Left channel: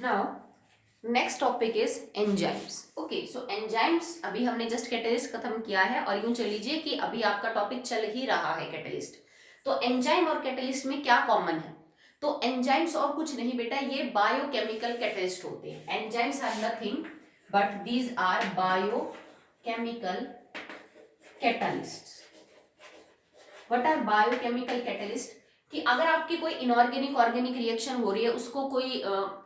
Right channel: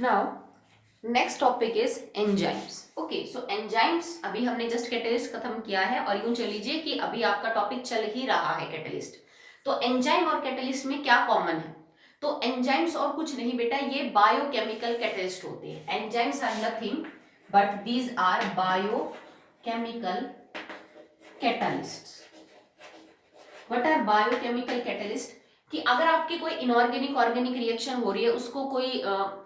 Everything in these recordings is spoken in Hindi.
Now next topic is enzymes. Okay, so enzymes अभी हमने जस्ट कैटलिस्ट खत्म किया है और यूं चल लीजिए कि अभी आपका टॉपिक चल ही रहा है कैटलिस्ट। तो एंजाइम और कैटलिस्ट में क्या कॉमन है? तो एंजाइम्स और कुछ नहीं बेटा, ये बायोकेमिकल कैटलिस्ट होते हैं। Enzymes are nothing but these are biochemical catalyst. What are biochemical catalyst? कि अगर आपकी कोई इनऑर्गेनिक ऑर्गेनिक रिएक्शन हो रही है, उसको कोई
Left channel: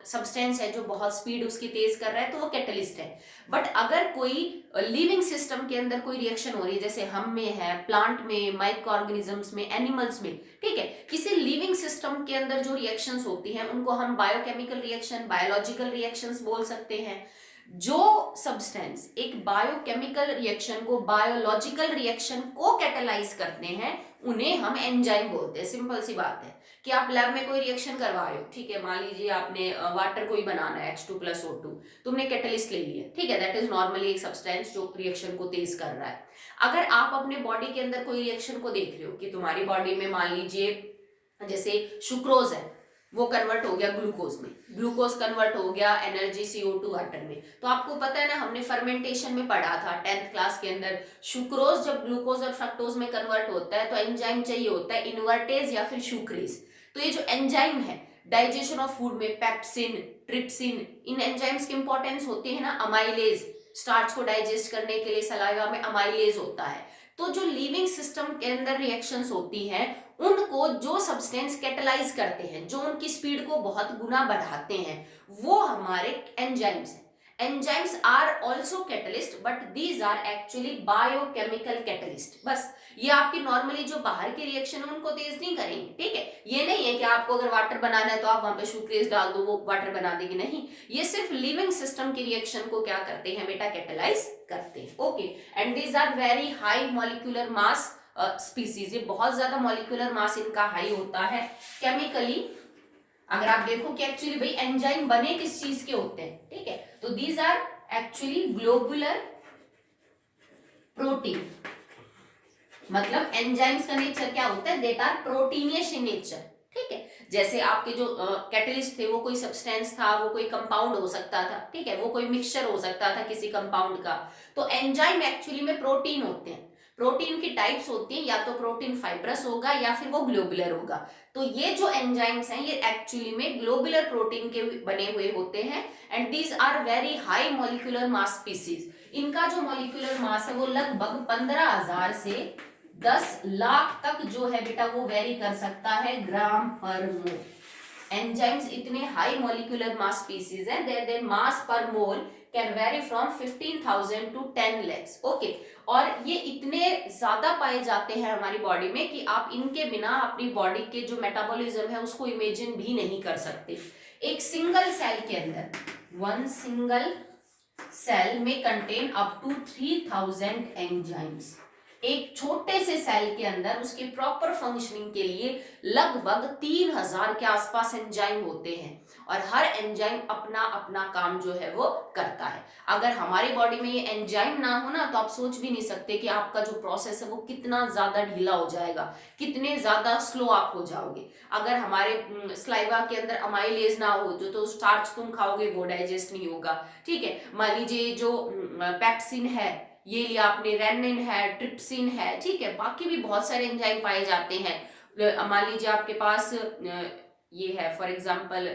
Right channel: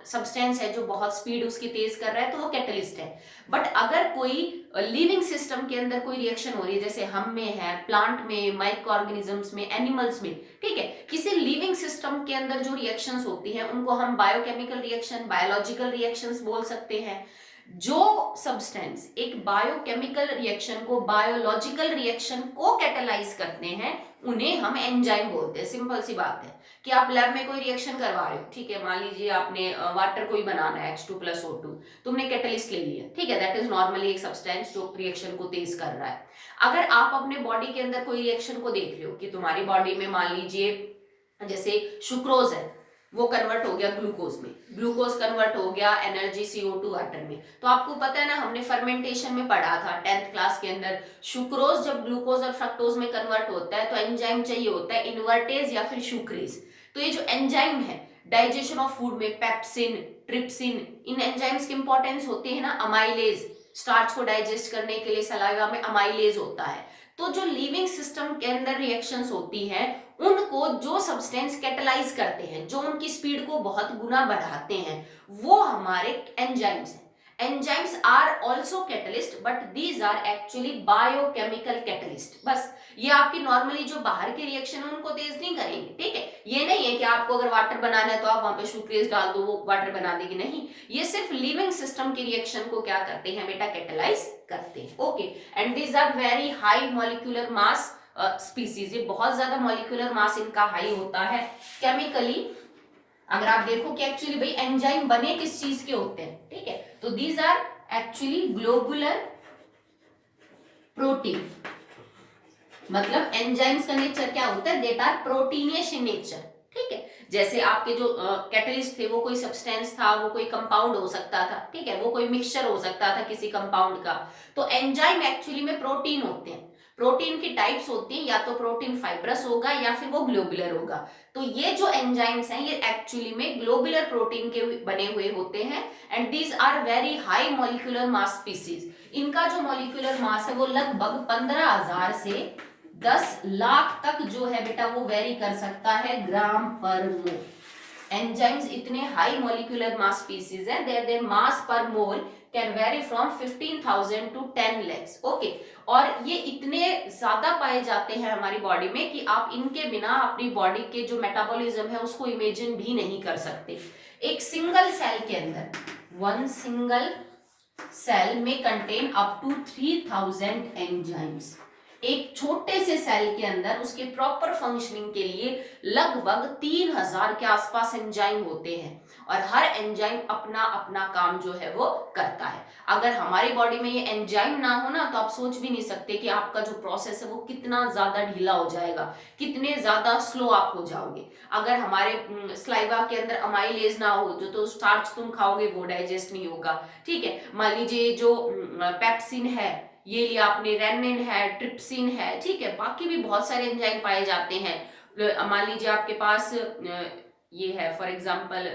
सब्सटेंस है जो बहुत स्पीड उसकी तेज कर रहा है, तो वो कैटलिस्ट है। बट अगर कोई लिविंग सिस्टम के अंदर कोई रिएक्शन हो रही है, जैसे हम में है, प्लांट में, माइक्रो ऑर्गेनिजम्स में, एनिमल्स में, ठीक है, किसी लिविंग सिस्टम के अंदर जो रिएक्शंस होती हैं उनको हम बायोकेमिकल रिएक्शन, बायोलॉजिकल रिएक्शंस बोल सकते हैं। जो सब्सटेंस एक बायोकेमिकल रिएक्शन को, बायोलॉजिकल रिएक्शन को कैटेलाइज करते हैं, उन्हें हम एंजाइम बोलते हैं। सिंपल सी बात है कि आप लैब में कोई रिएक्शन करवा रहे हो, ठीक है, मान लीजिए आपने वाटर कोई बनाना है H2+O2, तुमने कैटलिस्ट ले लिया, ठीक है, दैट इज नॉर्मली एक सब्सटेंस जो रिएक्शन को तेज कर रहा है। अगर आप अपने बॉडी के अंदर कोई रिएक्शन को देख रहे हो कि तुम्हारी बॉडी में मान लीजिए जैसे सुक्रोज है, वो कन्वर्ट हो गया ग्लूकोज में, ग्लूकोज कन्वर्ट हो गया एनर्जी CO2 वाटर में। तो आपको पता है ना, हमने फर्मेंटेशन में पढ़ा था 10th क्लास के अंदर, सुक्रोज जब ग्लूकोज और फ्रक्टोज में कन्वर्ट होता है तो एंजाइम चाहिए होता है, इन्वर्टेज या फिर सुक्रेज। तो ये जो एंजाइम है डाइजेशन ऑफ फूड में, पेप्सिन, ट्रिप्सिन, इन एंजाइम्स की इंपॉर्टेंस होती है ना। अमाइलेज, स्टार्च को डाइजेस्ट करने के लिए सलाइवा में अमाइलेज होता है। तो जो लिविंग सिस्टम के अंदर रिएक्शंस होती हैं, उनको जो सब्सटेंस कैटलाइज करते हैं, जो उनकी स्पीड को बहुत गुना बढ़ाते हैं, वो हमारे एंजाइम्स हैं। Enzymes are also catalyst but these are actually biochemical catalyst. बस ये आपकी नॉर्मली जो बाहर के रिएक्शन है उनको तेज नहीं करेंगे, ठीक है। ये नहीं है कि आपको अगर वाटर बनाना है तो आप वहां पे सुक्रेज डाल दो, वो वाटर बना देगी, नहीं। ये सिर्फ लिविंग सिस्टम की रिएक्शन को क्या करते हैं बेटा, कैटलाइज करते हैं। Okay, and these are very high molecular mass species. ये बहुत ज्यादा मॉलिक्यूलर मास इनका हाई होता है। केमिकली अगर आप देखो कि एक्चुअली भाई एंजाइम बने किस चीज के होते हैं, ठीक है, तो these are actually globular protein. मतलब एंजाइम्स का नेचर क्या होता है, that are proteinaceous in nature, ठीक है। जैसे आपके जो कैटलिस्ट थे, वो कोई सब्सटेंस था, वो कोई कंपाउंड हो सकता था, ठीक है, वो कोई मिक्सचर हो सकता था किसी कंपाउंड का। तो एंजाइम एक्चुअली में प्रोटीन होते हैं। प्रोटीन की टाइप्स होती हैं, या तो प्रोटीन फाइब्रस होगा या फिर वो ग्लोबुलर होगा। तो ये जो एंजाइम्स हैं ये एक्चुअली में ग्लोबुलर प्रोटीन के बने हुए होते हैं। And these are very high molecular mass species. इनका जो मॉलिक्यूलर मास है वो लगभग 15,000 से 10 लाख तक जो है बेटा वो वेरी कर सकता है ग्राम पर मोल। एंजाइम्स इतने हाई मॉलिक्यूलर मास स्पीसीज है, their mass per mole can vary from 15,000 to 10 lakhs। Okay, और ये इतने ज्यादा पाए जाते हैं हमारी बॉडी में कि आप इनके बिना अपनी बॉडी के जो मेटाबॉलिज्म है उसको इमेजिन भी नहीं कर सकते। एक सिंगल सेल के अंदर, वन सिंगल सेल में कंटेन अप टू 3000 एंजाइम्स। एक छोटे से सेल के अंदर उसके प्रॉपर फंक्शनिंग के लिए लगभग 3000 के आसपास एंजाइम होते हैं, और हर एंजाइम अपना अपना काम जो है वो करता है। अगर हमारी बॉडी में ये एंजाइम ना हो ना, तो आप सोच भी नहीं सकते कि आपका जो प्रोसेस है वो कितना ज्यादा ढीला हो जाएगा, कितने ज्यादा स्लो आप हो जाओगे। अगर हमारे स्लाइवा के अंदर अमाइलेज ना हो, जो तो स्टार्च तुम खाओगे वो डाइजेस्ट नहीं होगा, ठीक है। मान लीजिए जो पेप्सिन है, ये लिया आपने, रेनिन है, ट्रिप्सिन है, ठीक है, बाकी भी बहुत सारे एंजाइम पाए जाते हैं। मान लीजिए आपके पास ये है फॉर एग्जांपल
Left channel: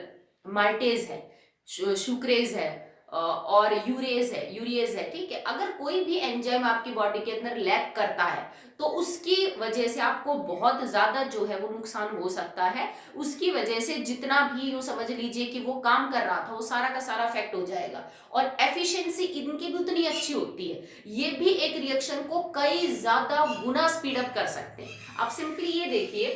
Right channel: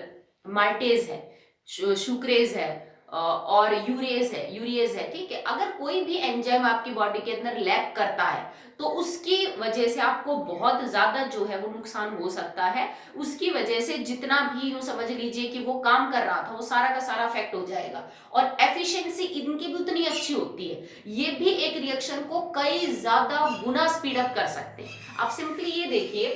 माल्टेज है, सुक्रेज है, और यूरेज है, ठीक है। अगर कोई भी एंजाइम आपकी बॉडी के अंदर लैक करता है तो उसकी वजह से आपको बहुत ज्यादा जो है वो नुकसान हो सकता है। उसकी वजह से जितना भी यूं समझ लीजिए कि वो काम कर रहा था वो सारा का सारा इफेक्ट हो जाएगा, और एफिशिएंसी इनकी भी उतनी अच्छी होती है। ये भी एक रिएक्शन को कई ज्यादा गुना स्पीड अप कर सकते हैं। आप सिंपली ये देखिए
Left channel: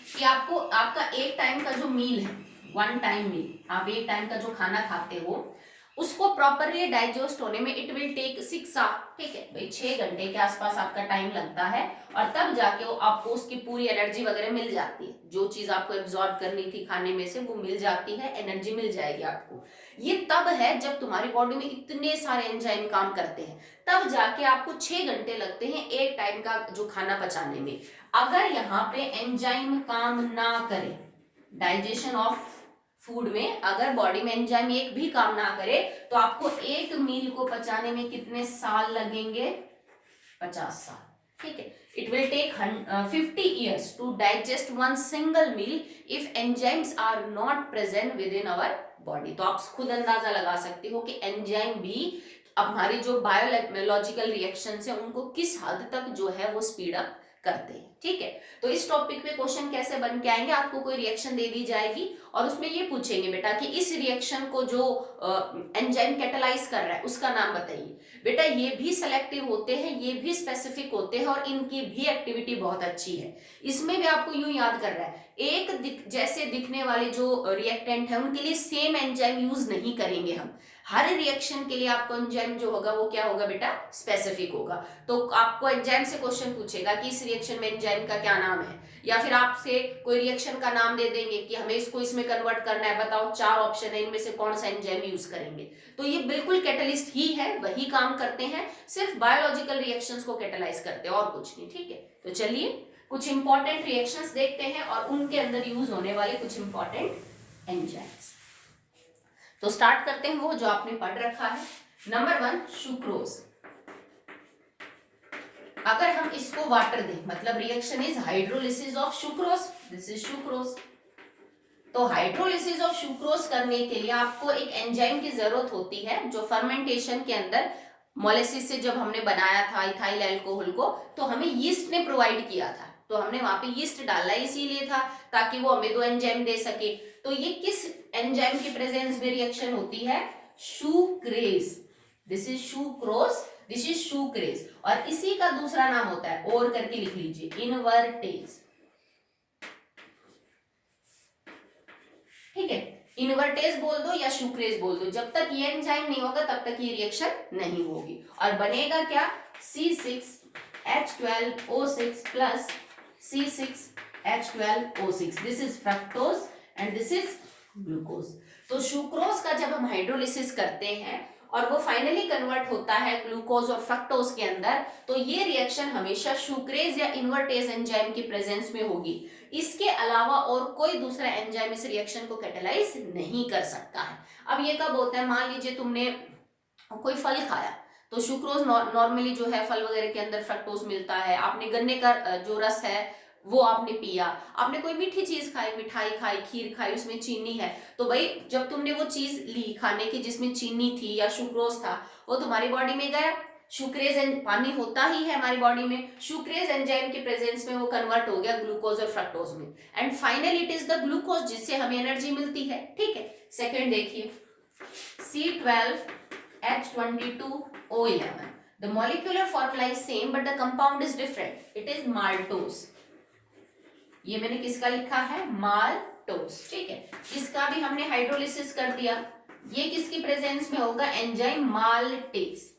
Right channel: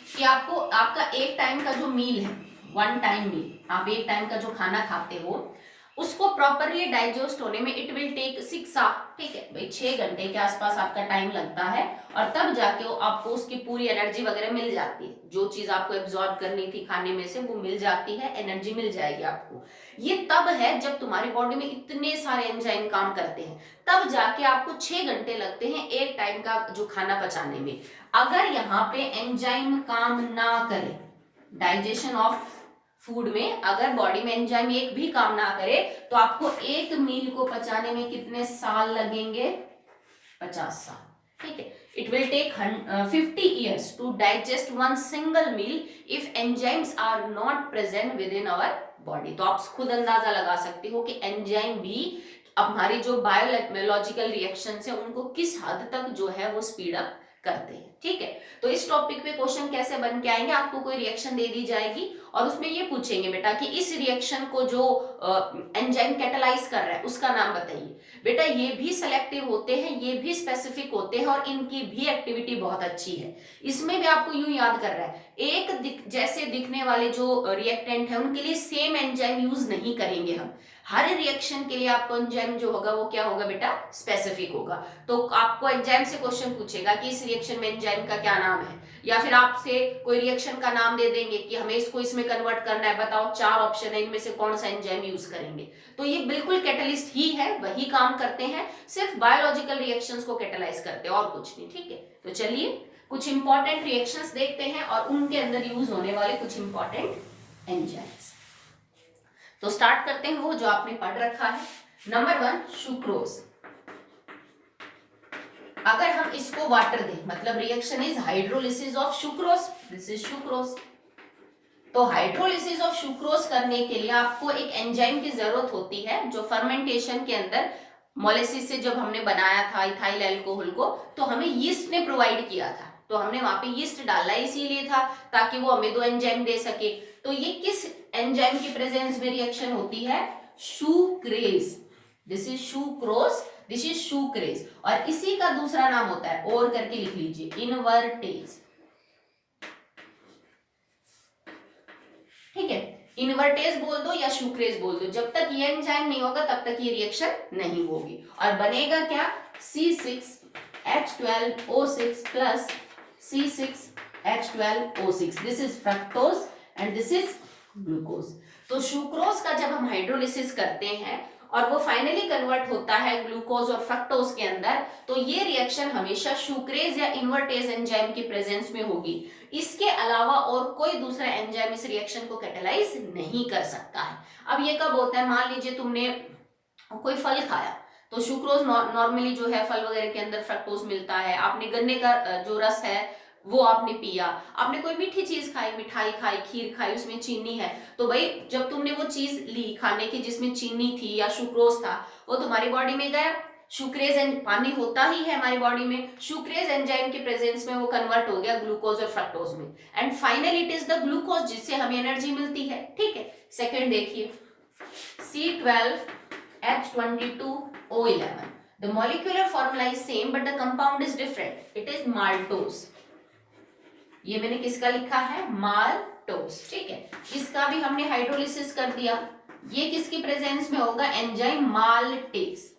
कि आपको आपका एक टाइम का जो मील है, वन टाइम मील, आप एक टाइम का जो खाना खाते हो उसको प्रॉपरली डाइजेस्ट होने में इट विल टेक 6 आवर, ठीक है भाई, 6 घंटे के आसपास आपका टाइम लगता है, और तब जाके वो आपको उसकी पूरी एनर्जी वगैरह मिल जाती है। जो चीज आपको एब्जॉर्ब करनी थी खाने में से वो मिल जाती है, एनर्जी मिल जाएगी आपको। ये तब है जब तुम्हारी बॉडी में इतने सारे एंजाइम काम करते हैं, तब जाके आपको 6 घंटे लगते हैं एक टाइम का जो खाना पचाने में। अगर यहाँ पे एंजाइम काम ना करे, डाइजेशन ऑफ फूड में अगर बॉडी में एंजाइम एक भी काम ना करे तो आपको एक मील को पचाने में कितने साल लगेंगे? 50 साल। ठीक है, it will take 50 years to digest one single meal if enzymes are not present within our body. तो आप खुद अंदाजा लगा सकते हो कि एंजाइम भी हमारी जो बायोलॉजिकल रिएक्शंस है उनको किस हद तक जो है वो स्पीड अप करते हैं। ठीक है, तो इस टॉपिक पे क्वेश्चन कैसे बन के आएंगे, आपको कोई रिएक्शन दे दी जाएगी और उसमें ये पूछेंगे बेटा कि इस रिएक्शन को जो एंजाइम कैटालाइज कर रहा है उसका नाम बताइए। बेटा ये भी सेलेक्टिव होते हैं, ये भी स्पेसिफिक होते हैं और इनकी भी एक्टिविटी बहुत अच्छी है। इसमें भी आपको यूं याद कर रहा है, एक जैसे दिखने वाले जो रिएक्टेंट है उनके लिए सेम एंजाइम यूज नहीं करेंगे हम। हर रिएक्शन के लिए आपको एंजाइम जो होगा वो क्या होगा बेटा? स्पेसिफिक होगा। तो आपको एंजाइम से क्वेश्चन पूछेगा कि इस रिएक्शन में एंजाइम का क्या नाम है, या फिर आपसे कोई रिएक्शन का नाम दे देंगे कि हमें इसको इसमें कन्वर्ट करना है, बताओ 4 ऑप्शन है, इनमें से कौन सा एंजाइम यूज करेंगे। तो ये बिल्कुल कैटलिस्ट ही है, वही काम करते हैं, सिर्फ बायोलॉजिकल रिएक्शंस को कैटलाइज करते हैं और कुछ नहीं। ठीक है, तो चलिए कुछ इंपॉर्टेंट रिएक्शंस देखते हैं और उनके अंदर यूज होने वाले कुछ इंपॉर्टेंट एंजाइम्स। तो स्टार्ट करते हैं वो जो आपने पढ़ रखा है। Number 1 sucrose. अगर हम इसको वाटर दें, मतलब reaction is hydrolysis of sucrose, this is sucrose. तो हाइड्रोलिसिस ऑफ सुक्रोज करने के लिए आपको एक एंजाइम की जरूरत होती है जो फर्मेंटेशन के अंदर मोलेसिस से जब हमने बनाया था इथाइल अल्कोहल को, तो हमें यीस्ट ने प्रोवाइड किया था। तो हमने वहां पे यीस्ट डाला इसीलिए था ताकि वो हमें 2 एंजाइम दे सके। तो ये किस एंजाइम की प्रेजेंस में रिएक्शन होती है? Sucrase. This is sucrose, this is sucrase. और इसी का दूसरा नाम होता है, और करके लिख लीजिए, इनवर्टेज। ठीक है, इनवर्टेज बोल दो या सुक्रेज बोल दो, जब तक ये एंजाइम नहीं होगा तब तक ये रिएक्शन नहीं होगी। और बनेगा क्या? C6H12O6 plus C6H12O6। This is fructose and this is glucose. तो सुक्रोज का जब हम हाइड्रोलिसिस करते हैं और वो फाइनली कन्वर्ट होता है ग्लूकोज और फ्रक्टोज के अंदर, तो ये रिएक्शन हमेशा सुक्रेज या इनवर्टेज एंजाइम की प्रेजेंस में होगी। इसके अलावा और कोई दूसरा एंजाइम इस रिएक्शन को कैटालाइज नहीं कर सकता है। अब ये कब होता है? मान लीजिए तुमने कोई फल खाया, तो सुक्रोज नॉर्मली जो है फल वगैरह के अंदर फ्रक्टोज मिलता है। आपने गन्ने का जो रस है वो आपने पिया, आपने कोई मीठी चीज खाई, मिठाई खाई, खीर खाई, उसमें चीनी है, तो भाई जब तुमने वो चीज ली खाने की जिसमें चीनी थी या सुक्रोज था, वो तुम्हारी बॉडी में गया। सुक्रेज एंड पानी होता ही है हमारी बॉडी में, सुक्रेज एंजाइम के प्रेजेंस में वो कन्वर्ट हो गया ग्लूकोज और फ्रक्टोज में, and finally it is the glucose जिससे हमें एनर्जी मिलती है। ठीक है, सेकेंड देखिए, C12H22O11। The molecular formula is same but the compound is different. It is maltose. ये मैंने किसका लिखा है? माल्टोस। ठीक है, इसका भी हमने हाइड्रोलिसिस कर दिया। ये किसकी प्रेजेंस में होगा? Enzyme maltase.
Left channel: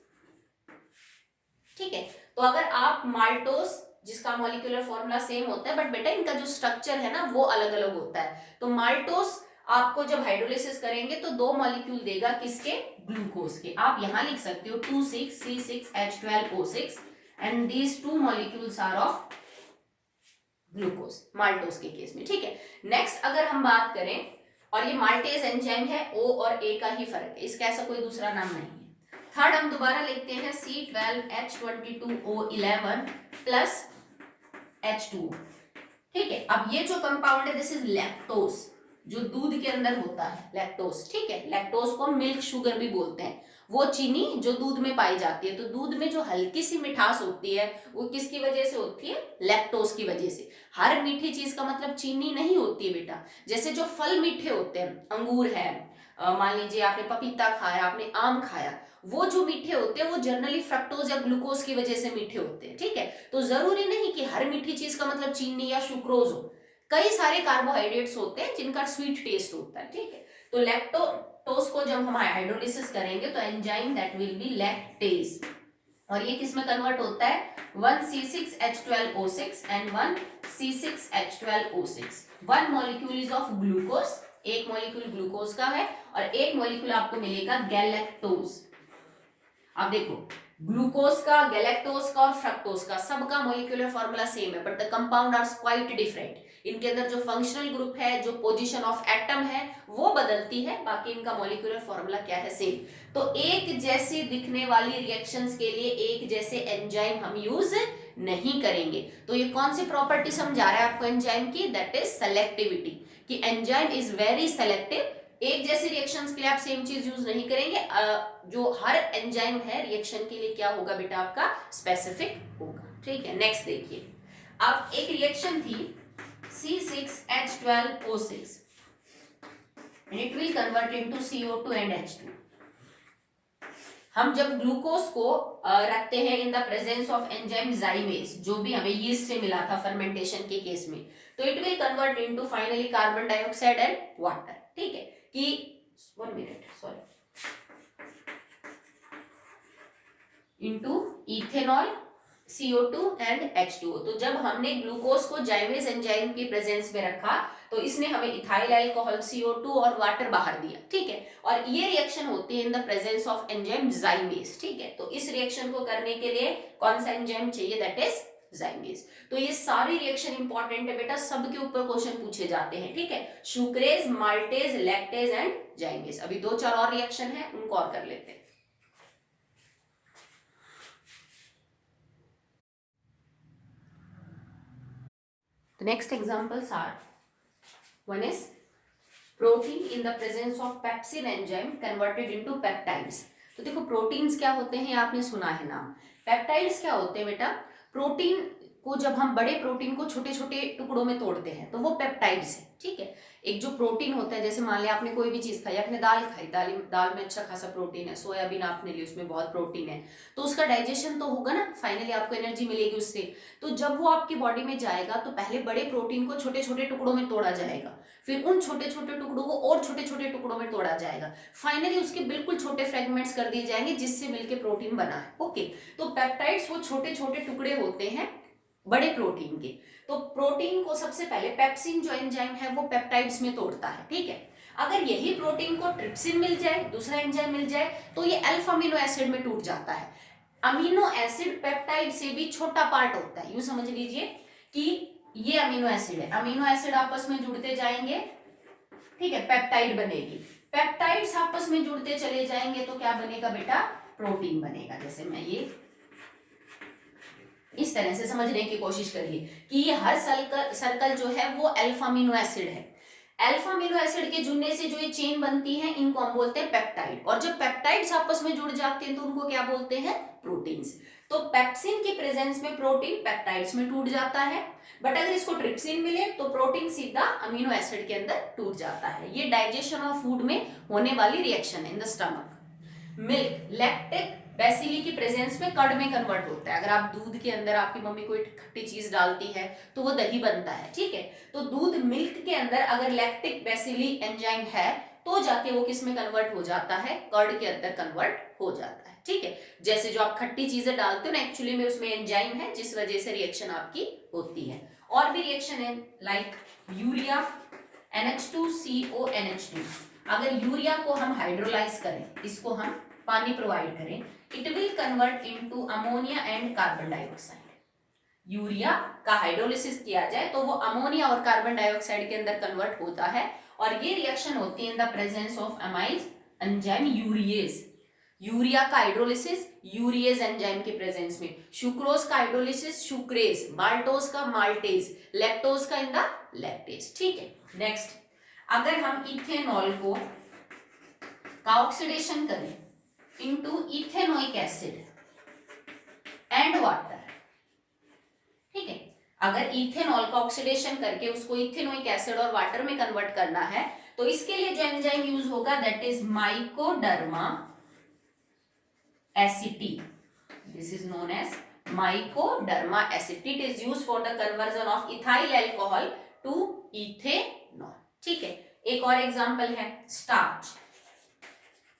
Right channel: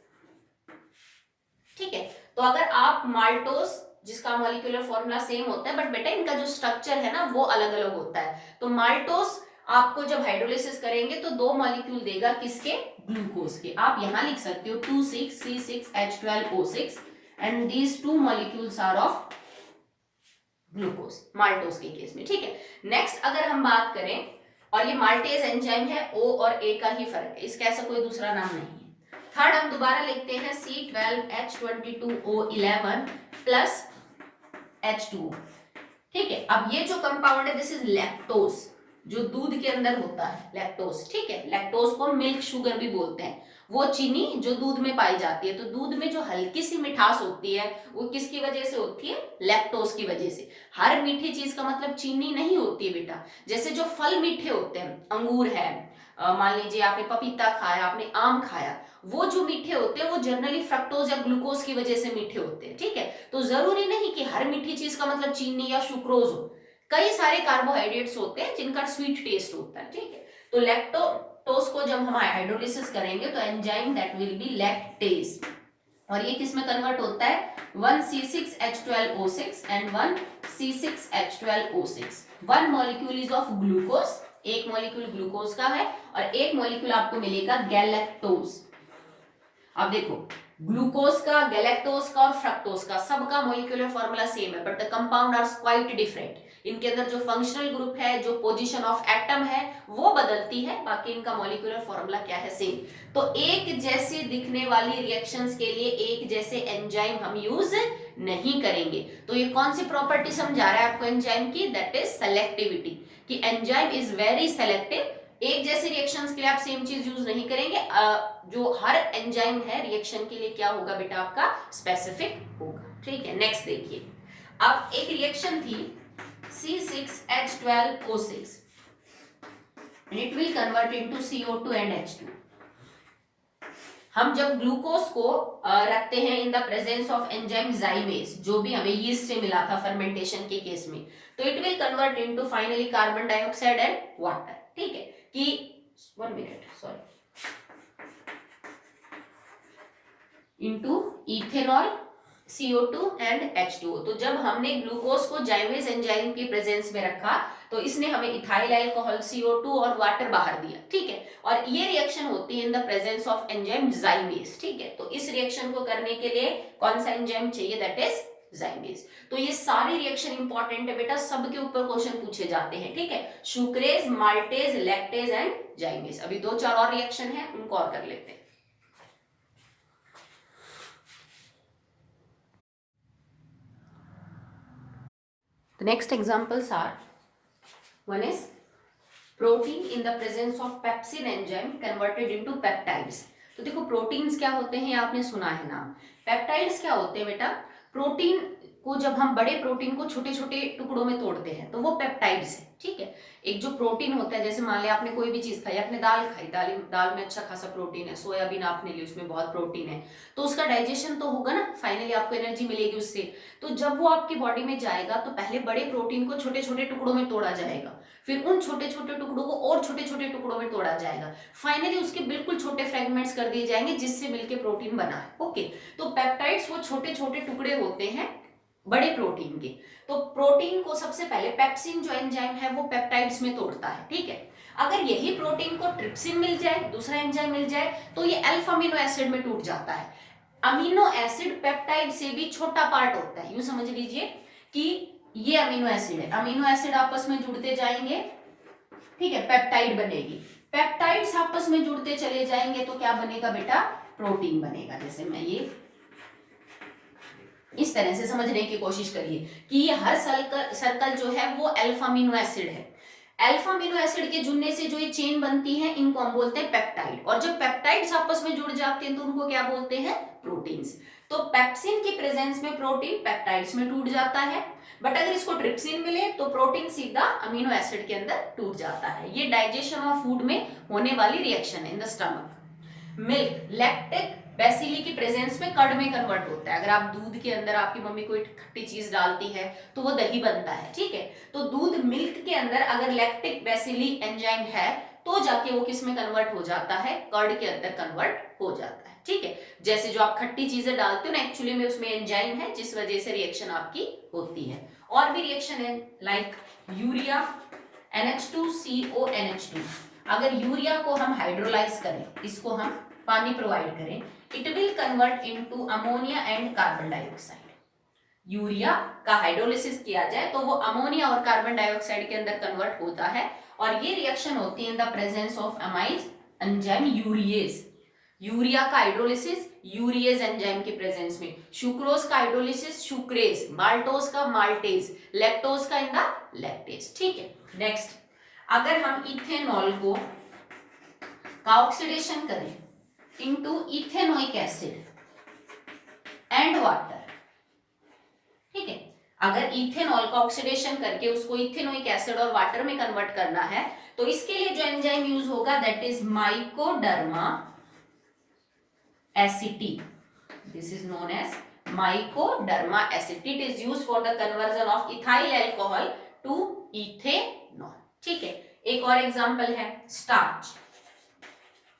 ठीक है, तो अगर आप माल्टोस जिसका मॉलिक्यूलर फॉर्मूला सेम होता है बट बेटा इनका जो स्ट्रक्चर है ना वो अलग अलग होता है। तो माल्टोस आपको जब हाइड्रोलिसिस करेंगे तो 2 मॉलिक्यूल देगा, किसके? ग्लूकोज के। आप यहां लिख सकते हो 26C6H12O6 and these 2 molecules are of glucose, maltose के केस में। ठीक है, नेक्स्ट अगर हम बात करें, और ये माल्टेज एंजाइम है, O और A का ही फर्क है, इसका ऐसा कोई दूसरा नाम नहीं है। थर्ड हम दोबारा लिखते हैं C12H22O11 प्लस H2O। ठीक है, अब ये जो कंपाउंड है दिस इज लैक्टोज, जो दूध के अंदर होता है, लैक्टोज। ठीक है, लैक्टोज को मिल्क शुगर भी बोलते हैं, वो चीनी जो दूध में पाई जाती है। तो दूध में जो हल्की सी मिठास होती है वो किसकी वजह से होती है? लैक्टोज की वजह से। हर मीठी चीज का मतलब चीनी नहीं होती है बेटा। जैसे जो फल मीठे होते हैं, अंगूर है, मान लीजिए आपने पपीता खाया, आपने आम खाया, वो जो मीठे होते हैं वो जनरली फ्रक्टोज या ग्लूकोज की वजह से मीठे होते हैं। ठीक है, तो जरूरी नहीं कि हर मीठी चीज का मतलब चीनी या सुक्रोज हो, कई सारे कार्बोहाइड्रेट्स होते हैं जिनका स्वीट टेस्ट होता है। ठीक है, तो लैक्टोज को जब हम हाइड्रोलिसिस करेंगे तो enzyme that will be lactase, और ये किस में कन्वर्ट होता है? 1C6H12O6 and 1C6H12O6। 1 molecule is of glucose, एक मॉलिक्यूल ग्लूकोज का है और एक मॉलिक्यूल आपको मिलेगा गैलेक्टोज। अब देखो, ग्लूकोज का, गैलेक्टोज का और फ्रक्टोज का सबका मॉलिक्यूलर फॉर्मूला सेम है but the compound are quite different. इनके अंदर जो फंक्शनल ग्रुप है, जो पोजीशन ऑफ एटम है, वो बदलती है, बाकी इनका मॉलिक्यूलर फॉर्मूला क्या है, सेम। तो एक जैसे दिखने वाली रिएक्शंस के लिए एक जैसे एंजाइम हम यूज नहीं करेंगे। तो ये कौन सी प्रॉपर्टी समझा रहा है आपको एंजाइम की, दैट इज सेलेक्टिविटी, कि एंजाइम इज वेरी सेलेक्टिव। एक जैसे रिएक्शंस के लिए आप सेम चीज यूज नहीं करेंगे। जो हर एंजाइम है रिएक्शन के लिए क्या होगा बेटा, आपका स्पेसिफिक होगा। ठीक है, नेक्स्ट देखिए। अब एक रिएक्शन थी C6H12O6 and it will convert into CO2 and H2। हम जब ग्लूकोज को रखते हैं इन द प्रेजेंस ऑफ एंजाइम जाइमेज, जो भी हमें यीस्ट से मिला था फर्मेंटेशन के केस में, तो it will convert into finally carbon dioxide and water. ठीक है, कि 1 minute sorry, into ethanol, CO2 and H2O। तो जब हमने ग्लूकोज को जाइमेज एंजाइम की प्रेजेंस में रखा तो इसने हमें इथाइल अल्कोहल, CO2 और वाटर बाहर दिया। ठीक है, और ये रिएक्शन होती है in the presence of enzyme जाइमेज। ठीक है, तो इस रिएक्शन को करने के लिए कौन सा एंजाइम चाहिए, दैट इज जाइमेज। तो ये सारी रिएक्शन इंपॉर्टेंट है बेटा, सबके ऊपर क्वेश्चन पूछे जाते हैं। ठीक है, सुक्रेज, माल्टेज, लैक्टेज एंड जाइमेज। अभी 2-4 और रिएक्शन है, उनको और कर लेते हैं। The next examples are, one is protein in the presence of pepsin enzyme converted into peptides। तो देखो प्रोटीन्स क्या होते हैं, आपने सुना है नाम। पेप्टाइड्स क्या होते हैं बेटा, प्रोटीन को जब हम बड़े प्रोटीन को छोटे छोटे टुकड़ों में तोड़ते हैं तो वो पेप्टाइड्स है। ठीक है, एक जो प्रोटीन होता है, जैसे मान लिया आपने कोई भी चीज खाई, आपने दाल खाई, दाल में अच्छा खासा प्रोटीन है, सोयाबीन आपने ली, उसमें बहुत प्रोटीन है, तो उसका डाइजेशन तो होगा ना, फाइनली आपको एनर्जी मिलेगी उससे। तो जब वो आपकी बॉडी में जाएगा तो पहले बड़े प्रोटीन को छोटे छोटे टुकड़ों में तोड़ा जाएगा, फिर उन छोटे छोटे टुकड़ों को और छोटे छोटे टुकड़ों में तोड़ा जाएगा, फाइनली उसके बिल्कुल छोटे फ्रेगमेंट्स कर दिए जाएंगे जिससे मिलकर प्रोटीन बना है। ओके, तो पेप्टाइड्स वो छोटे छोटे टुकड़े होते हैं बड़े प्रोटीन के। तो प्रोटीन को सबसे पहले पेप्सिन जो एंजाइम है वो पेप्टाइड्स में तोड़ता है। ठीक है, अगर यही प्रोटीन को ट्रिप्सिन मिल जाए, दूसरा एंजाइम मिल जाए, तो ये अल्फा अमीनो एसिड में टूट जाता है। अमीनो एसिड पेप्टाइड से भी छोटा पार्ट होता है, यूं समझ लीजिए कि ये अमीनो एसिड है, अमीनो एसिड आपस में जुड़ते जाएंगे, ठीक है, पेप्टाइड बनेगी। पेप्टाइड्स आपस में जुड़ते चले जाएंगे तो क्या बनेगा बेटा, प्रोटीन बनेगा। जैसे मैं ये इस तरह से समझने की कोशिश करिए कि ये हर सर्कल जो है वो अल्फा अमीनो एसिड है। अल्फा अमीनो एसिड के जुड़ने से जो ये चेन बनती है इनको हम बोलते हैं पेप्टाइड, और जब पेप्टाइड्स आपस में जुड़ जाते हैं तो उनको क्या बोलते हैं, प्रोटीन्स। तो पेप्सिन की प्रेजेंस में प्रोटीन पेप्टाइड्स में टूट जाता है, बट अगर इसको ट्रिप्सिन मिले तो प्रोटीन सीधा अमीनो एसिड के अंदर टूट जाता है। ये डाइजेशन ऑफ फूड में होने वाली रिएक्शन है in the stomach. Milk lactic bacilli की प्रेजेंस में कर्ड में कन्वर्ट होता है। अगर आप दूध के अंदर आपकी मम्मी कोई खट्टी चीज डालती है तो वो दही बनता है। ठीक है, तो दूध मिल्क के अंदर अगर लैक्टिक बेसिली एंजाइम है तो जाके वो किस में कन्वर्ट हो जाता है, कर्ड के अंदर कन्वर्ट हो जाता है। ठीक है, जैसे जो आप खट्टी चीजें डालते हो ना, एक्चुअली में उसमें एंजाइम है जिस वजह से रिएक्शन आपकी होती है। और भी रिएक्शन है लाइक यूरिया NH2CO NH2। अगर यूरिया को हम हाइड्रोलाइज करें, इसको हम पानी प्रोवाइड करें, it will convert into ammonia and carbon dioxide. Urea का हाइड्रोलिसिस किया जाए तो वो अमोनिया और कार्बन डाइऑक्साइड के अंदर कन्वर्ट होता है, और ये रिएक्शन होती है इन द प्रेजेंस ऑफ अमाइज एंजाइम यूरिएज। यूरिया का हाइड्रोलिसिस यूरिएज एंजाइम के प्रेजेंस में, सुक्रोज का हाइड्रोलिसिस सुक्रेज, माल्टोज का माल्टेज, लैक्टोज का इन द लैक्टेज। ठीक है, नेक्स्ट, अगर हम इथेनॉल को का ऑक्सीडेशन करें into ethanoic acid and water. ठीक है, अगर इथेनॉल का ऑक्सीडेशन करके उसको इथेनोइक एसिड और वाटर में कन्वर्ट करना है तो इसके लिए जो एंजाइम यूज होगा that is mycoderma aceti. This is known as mycoderma aceti. It is used for the conversion of ethyl alcohol to ethanol. ठीक है, एक और एग्जांपल है स्टार्च।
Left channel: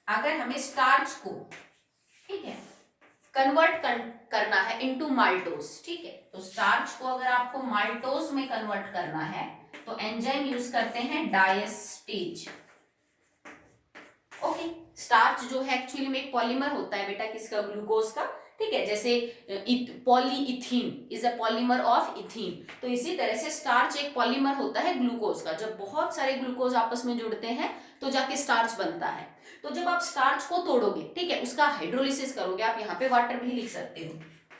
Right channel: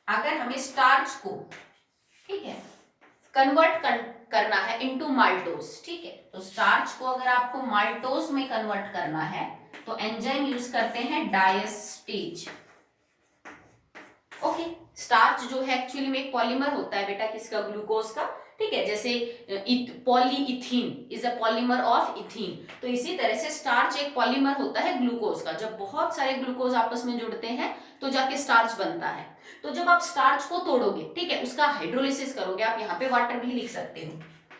अगर हमें स्टार्च को, ठीक है, कन्वर्ट करना है इनटू माल्टोज। ठीक है, तो स्टार्च को अगर आपको माल्टोज में कन्वर्ट करना है तो एंजाइम यूज करते हैं डायस्टेज। ओके, स्टार्च जो है एक्चुअली में एक पॉलीमर होता है बेटा, किसका, ग्लूकोज का। ठीक है, जैसे polyethene is a polymer of ethene. तो इसी तरह से स्टार्च एक पॉलीमर होता है ग्लूकोज का। जब बहुत सारे ग्लूकोज आपस में जुड़ते हैं तो जाके स्टार्च बनता है। तो जब आप स्टार्च को तोड़ोगे, ठीक है, उसका हाइड्रोलिसिस करोगे, आप यहाँ पे वाटर भी लिख सकते हो,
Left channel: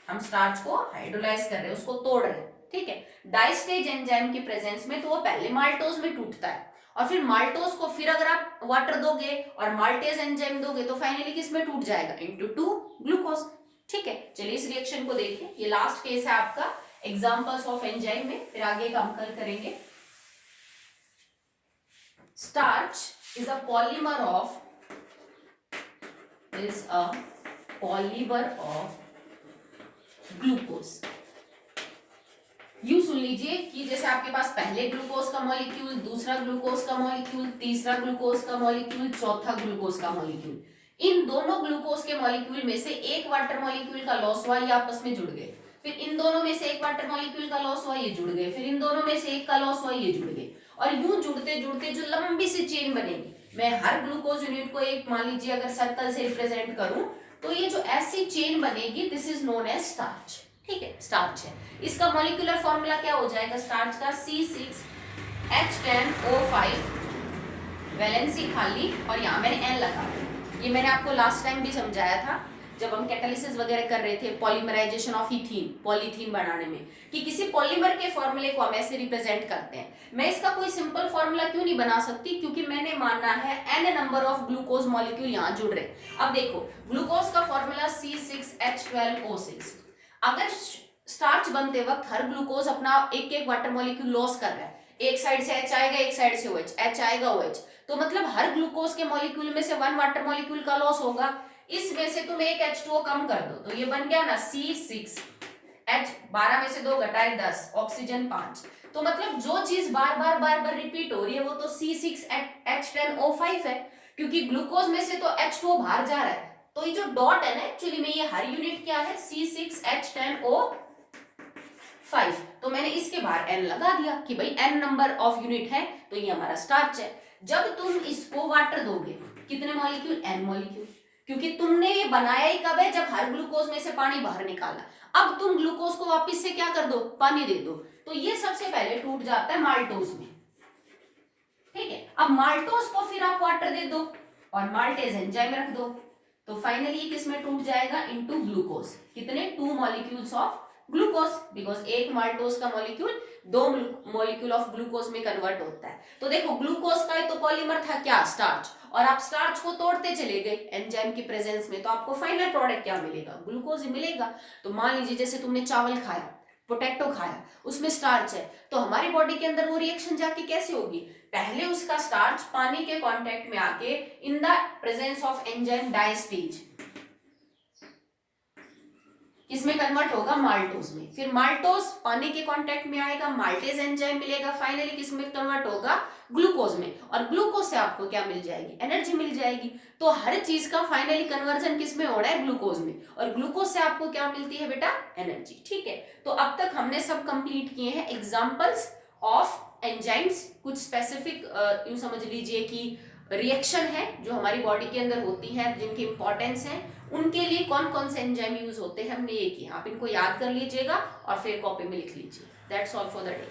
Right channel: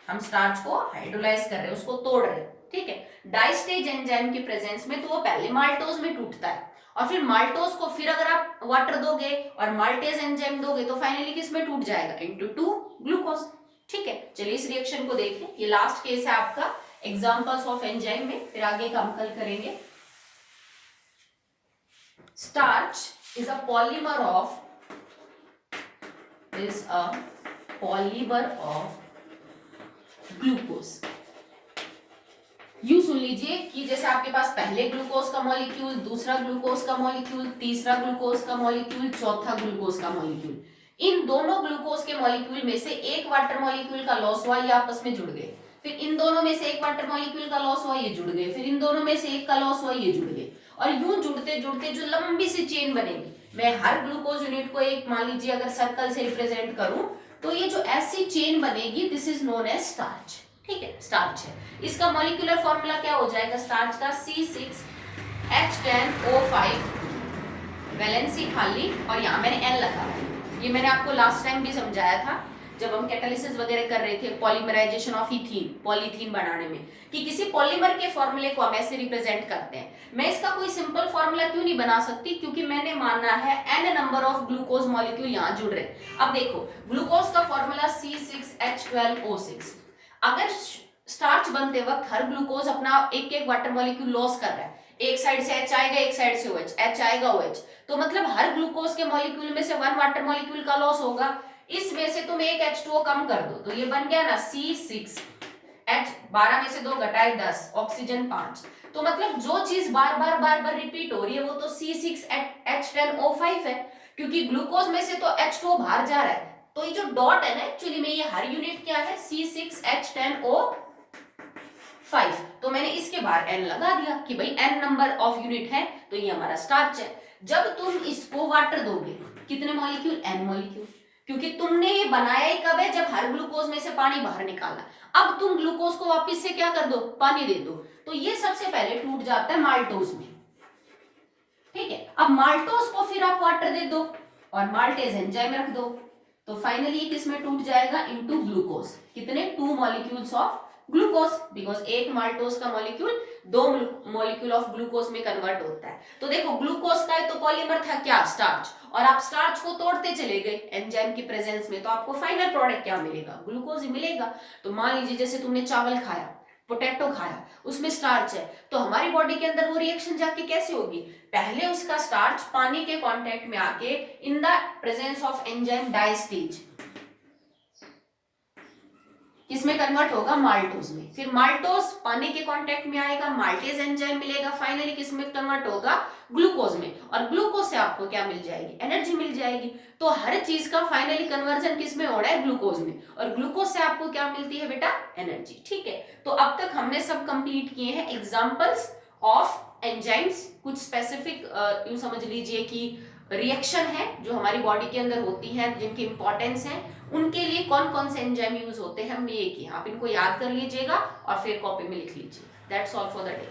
हम स्टार्च को हाइड्रोलाइज कर रहे हैं, उसको तोड़ रहे हैं, ठीक है, डाइस्टेज एंजाइम की प्रेजेंस में, तो वो पहले माल्टोज में टूटता है और फिर माल्टोज को फिर अगर आप वाटर दोगे और माल्टेज एंजाइम दोगे तो फाइनली किस में टूट जाएगा, इनटू 2 ग्लूकोज। ठीक है, चलिए इस रिएक्शन को देखिए, ये लास्ट केस है आपका एग्जांपल्स ऑफ एंजाइम में, फिर आगे का हम कल करेंगे। Starch is a polymer of glucose. You सुन लीजिए कि जैसे आपके पास पहले ग्लूकोज का मॉलिक्यूल, दूसरा ग्लूकोज का मॉलिक्यूल, तीसरा ग्लूकोज का मॉलिक्यूल, चौथा ग्लूकोज का मॉलिक्यूल, इन दोनों ग्लूकोज के मॉलिक्यूल में से एक वाटर मॉलिक्यूल का लॉस हुआ, ये आपस में जुड़ गए, फिर इन दोनों में से एक वाटर मॉलिक्यूल का लॉस हुआ, ये जुड़ गए, फिर इन दोनों में से एक का लॉस हुआ, ये जुड़ गए, और यूं जुड़ते जुड़ते जो लंबी सी चेन बनेगी, मैं हर ग्लूकोज यूनिट को एक मान लीजिए अगर सर्कल से रिप्रेजेंट करूं तो ये जो ऐसी चेन बनेगी, this is known as starch. ठीक है, स्टार्च है। इसका मॉलिक्यूलर फॉर्मूला क्या हो जाएगा स्टार्च का, C6H10O5, वैलेंसी खाली और यहाँ मैंने N लगा। ये मैंने आपको लास्ट टाइम भी समझाया था जब हम कैटालिसिस वगैरह कर रहे थे, पॉलीमराइजेशन ऑफ इथीन, पॉलीथीन बनाने में, कि किसी पॉलीमर के फॉर्मूले को हम ऐसे रिप्रेजेंट करते हैं। मैं इसका कोई सिंपल फॉर्मूला क्यों नहीं बना सकती, क्योंकि मैंने माना है n number of glucose molecule यहाँ जुड़ रहे। अब देखो ग्लूकोज का फॉर्मूला C6H12O6, अगर स्टार्च बनते वक्त हर ग्लूकोज अपना एक एक वाटर मॉलिक्यूल लॉस कर रहा है, एक साइड से H आएगा, एक साइड से OH, H आएगा OH, तो मतलब हर ग्लूकोज के मॉलिक्यूल में से 1 वाटर मॉलिक्यूल का लॉस होगा। इसमें से तुम एक H2O कम कर दो तो ये बन गया ना C6H, 12 में से 2 घटाए 10, ऑक्सीजन 5। तो मतलब जो चीज बार बार रिपीट हो रही है वो तो C6H10O5 है, क्योंकि ग्लूकोज में से तो H2O बाहर जा रहा है। तो ये जो डॉट है ना, एक्चुअली में ये हर यूनिट क्या है, C6H10O5, तो मैंने इसके बाहर N लगा दिया कि भाई N नंबर ऑफ यूनिट है, तो ये हमारा स्टार्च है। जब तुम इसको वाटर दोगे, कितने मॉलिक्यूल, N मॉलिक्यूल, क्योंकि तुमने ये बनाया ही कब है, जब हर ग्लूकोज में से पानी बाहर निकाला। अब तुम ग्लूकोज को वापस से क्या कर दो, पानी दे दो, तो ये सबसे पहले टूट जाता है माल्टोज में। ठीक है, अब माल्टोज को फिर आप वाटर दे दो और माल्टेज एंजाइम रख दो, तो फाइनली किसमें टूट जाएगा, इनटू ग्लूकोज। कितने, 2 मॉलिक्यूल्स ऑफ ग्लूकोज, बिकॉज एक माल्टोज का मॉलिक्यूल 2 मॉलिक्यूल ऑफ ग्लूकोज में कन्वर्ट होता है। तो देखो ग्लूकोज का तो पॉलीमर था क्या, स्टार्च, और आप स्टार्च को तोड़ते चले गए एंजाइम की प्रेजेंस में, तो आपको फाइनल प्रोडक्ट क्या मिलेगा, ग्लूकोज ही मिलेगा। तो मान लीजिए जैसे तुमने चावल खाया, पोटैटो खाया, उसमें स्टार्च है, तो हमारी बॉडी के अंदर वो रिएक्शन जाके कैसे होगी, पहले उसका स्टार्च पानी के कांटेक्ट में आके इन the presence of enzyme diastase किसमें कन्वर्ट होगा, माल्टोज में, फिर माल्टोज पानी के कांटेक्ट में आएगा, माल्टेज एंजाइम मिलेगा, फाइनली किसमें कन्वर्ट होगा, ग्लूकोज में, और ग्लूकोज से आपको क्या मिल जाएगी, एनर्जी मिल जाएगी। तो हर चीज का फाइनली कन्वर्जन किसमें हो रहा है, ग्लूकोज में, और ग्लूकोज से आपको क्या मिलती है बेटा, एनर्जी। ठीक है, तो अब तक हमने सब कंप्लीट किए हैं एग्जांपल्स ऑफ एंजाइम्स, कुछ स्पेसिफिक यूं समझ लीजिए कि रिएक्शन है जो हमारी बॉडी के अंदर होती है, जिनकी इंपॉर्टेंस है, उनके लिए कौन कौन से एंजाइम यूज होते हैं हमने ये किया। आप इनको याद कर लीजिएगा और फिर कॉपी में लिख लीजिए। That's all for the day.